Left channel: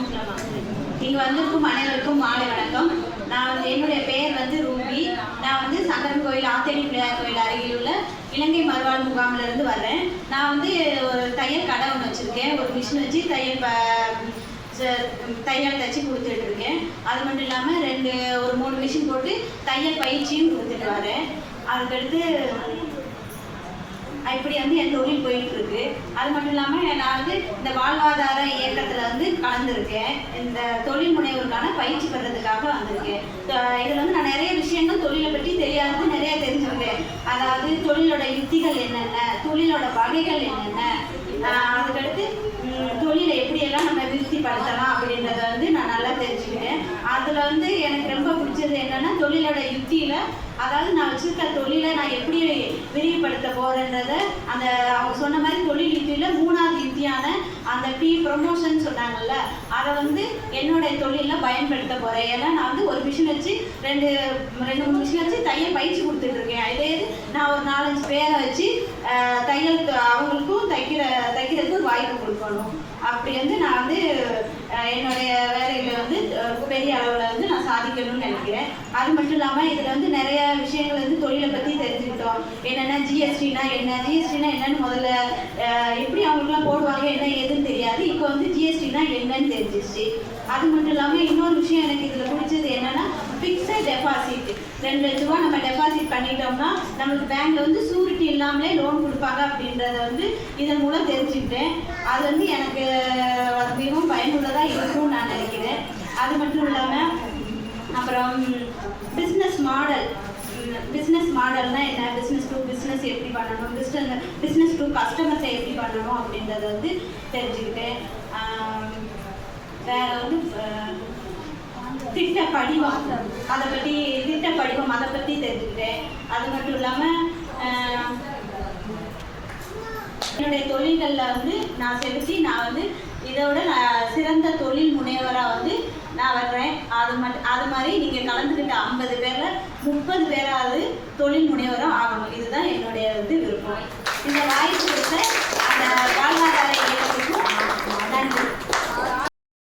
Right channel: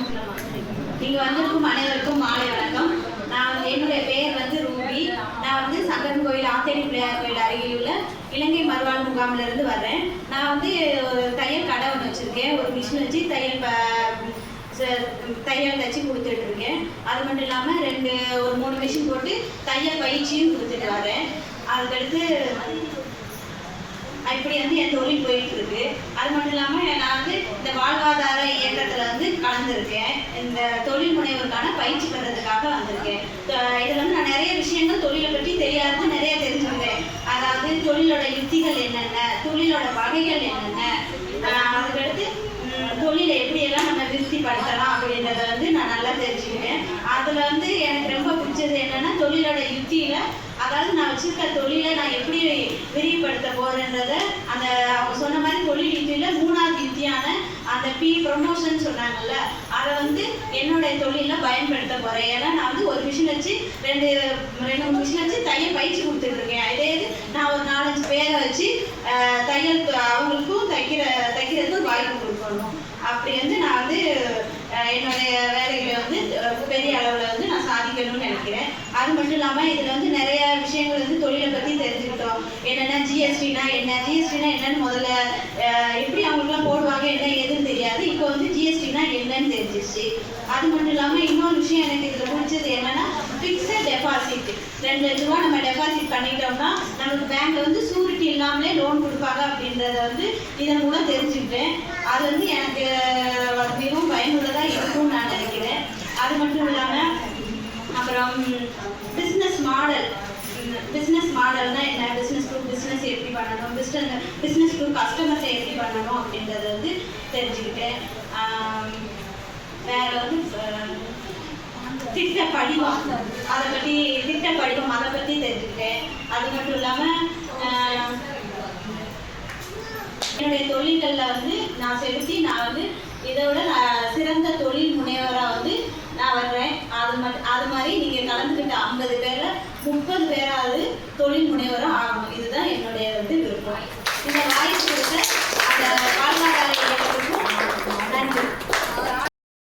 ஆரம்பிக்கலாமா? இங்கே வந்திருக்கும் அனைவருக்கும் மாலை வணக்கம். நான் என்னுடைய பெயர் ரூபி. நான் சங்கரன் கோயில் ஆத்தேரி பிள்ளையார் கோயில் அருகில் உள்ள இலங்கை மறுவாழ் முகாமிலிருந்து வர்றேன். நான் ஒரு தையல் கடை ஒன்று வச்சுருக்கேன். ஒரு மிஷின் வச்சு தையல் தைச்சி கொடுத்துட்டு இருக்கேன். அது மட்டும் இல்லாமல் ஒரு 3 மிஷின் போட்டு தையல் பயிற்சியும் கொடுத்துட்டு வரேன். அதுக்கடுத்து இப்படி என் தொழில் போயிட்டு இருக்கு. அது மட்டும் இல்லாமல் நான் இந்த வாழ்வாதார இயக்கத்தில் கலந்துருக்கேன். இந்த தொழில் முனைவோருக்கான பயிற்சி பண்ணுறதுக்காக வந்திருக்கேன். இதில் நான் நிறைய விஷயங்கள் தொழிலை பற்றி தெரியாதது நிறைய தெரிஞ்சுக்கிட்டேன். அதாவது தொழிலோட யுக்திகள் என்னென்ன, தொழிலோட வகைகள் என்னென்ன, அதுக்கடுத்து தொழிலை எப்படியெல்லாம் நம்ம விருத்திப்படுத்தலாம் அப்படின்றத நான் நல்லா தெரிஞ்சுக்கிட்டேன். அதில் எனக்கு ரொம்ப பிடிச்சது என்னென்னா தொழிலோட யுக்தியில், அதாவது நான் வச்சிருக்க தொழிலை நான் எப்படி விரிவுபடுத்த போகிறேன்றத அவங்க சொன்ன மாதிரி தொழில் யுக்தியில் 3வது யுக்தியான அந்த ப்ரொமோஷன் சொன்னாங்கல்ல, அதை என்னுடைய தொழிலில் பயன்படுத்த போகிறேன். ஏன்னா நான் ஒரு மிஷின் வச்சு 2-3 மிஷின் வச்சு தையல் பயிற்சி கொடுத்துட்ருக்கேன். இதே நான் ஒரு 4-5 பேரை வச்சு தையல் அவங்களுக்கும் தைக்கிறதுக்கு வாய்ப்பு கொடுக்கணும். அப்படி நான் என்னுடைய வேலைகளை பெரிய அளவில் நான் சாதிக்கணும்னு நினைக்கிறேன். அது மட்டும் இல்லாமல் இதில் நிறைய விஷயங்கள் தொழிலை பற்றி தெரிஞ்சுக்கிட்டோம். என்னென்னா ஜிஎஸ்டினா என்னன்னு முதல்ல எப்படி அவங்களுக்குலாம் போடுவாங்க என்ன ஏதுன்னு தெரியாது. இப்போ ஜிஎஸ்டினா என்னன்னு தெரிஞ்சிச்சு. அது மட்டும் இல்லாமல் இன்னொரு விஷயம் எனக்கு இதில் பிடிச்சது என்னென்னா ஃபிக்ஸட் டெபாசிட். 2 லட்ச ரூபா நம்ம டெபாசிட் பண்ணிட்டோம்னா நமக்கு பேங்க்ல சூரிட்டி இல்லாமலே லோன் கொடுப்பாங்க அப்படின்றத இதன் மூலம் தெரிஞ்சுக்கிட்டேன். அது எனக்கு மிகவும் பயனுள்ளதாக இருக்கும்னு நான் நினைக்கிறேன். அது மட்டும் இல்லாமல் அப்புறம் பிஸ்னஸ் மாடல்னா என்ன, பிஸ்னஸ் டு பிஸ்னஸ் எப்படி பண்ணணும், பிஸ்னஸ் டு கஸ்டமர்ஸை எப்படி பண்ணணும் அப்படின்றத தெரிஞ்சுக்கிட்டேன். வேற திட்ட படிவம் அதை பற்றி தெரிஞ்சுக்கிட்டேன். அது மட்டும் இல்லாமல் என்னுடைய தொழில்களில் நான் செலுத்தி நான் இதோட சிறந்த தொழில் முனைவராக நான் வர்றேன். அது மாதிரி நீங்கள் கலந்துக்கிட்ட 50 பேரில் 30 பேராவது தொழில் முனைவராக ஆகணும். இதுதான் என்னுடைய விருப்பம். இந்த வாய்ப்பு கொடுத்த அந்த வாழ்வாதார இயக்கத்துக்கும் நன்றி.